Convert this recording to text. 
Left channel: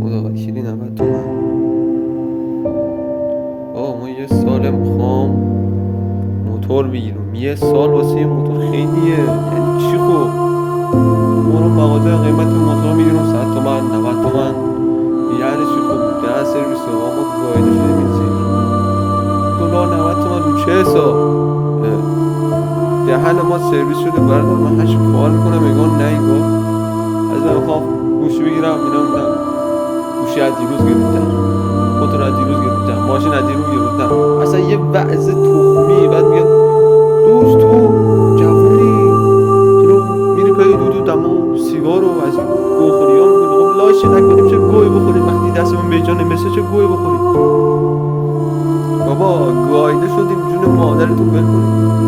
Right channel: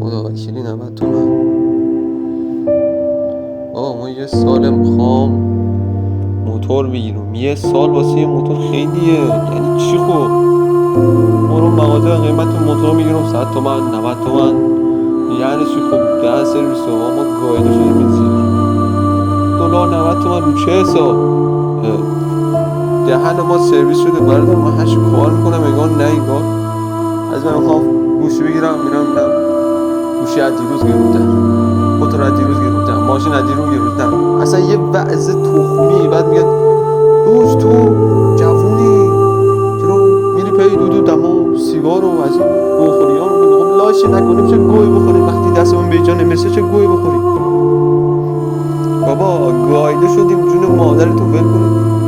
خدا وکیلی 90 تومن. ما یه سال میخوام موتور بگیرم. یه سال واسه یه موتور خیلیه. یعنی چی خب؟ برو مغازه قیمت موتور میگیرم 100 تومن 90 تومن. یعنی چی خب؟ ده سرویس ما گایده شده نزید دلار 90 تومن رو چه حساب؟ دهن ما سرویس شده. بردار من هرچی کار میکنم انگار نگاه از من میخوام گوشی بگیرم میرم گوشی از دیروز گرفتم، موتور از دیروز گرفتم، ماشین از دیروز گرفتم. اصلا یه وضع تخمی. بعد میگن دوست تو جوونی چرا میری پای دودو دما سیگار و از این گوخوری ها میکنی؟ خب لاشه نکنیم چه گوی بخوریم وقتی دستمون به جا نمیرسه؟ چه گوی بخوریم؟ بابا گایده شدیم جون مادرتون ول کنیم.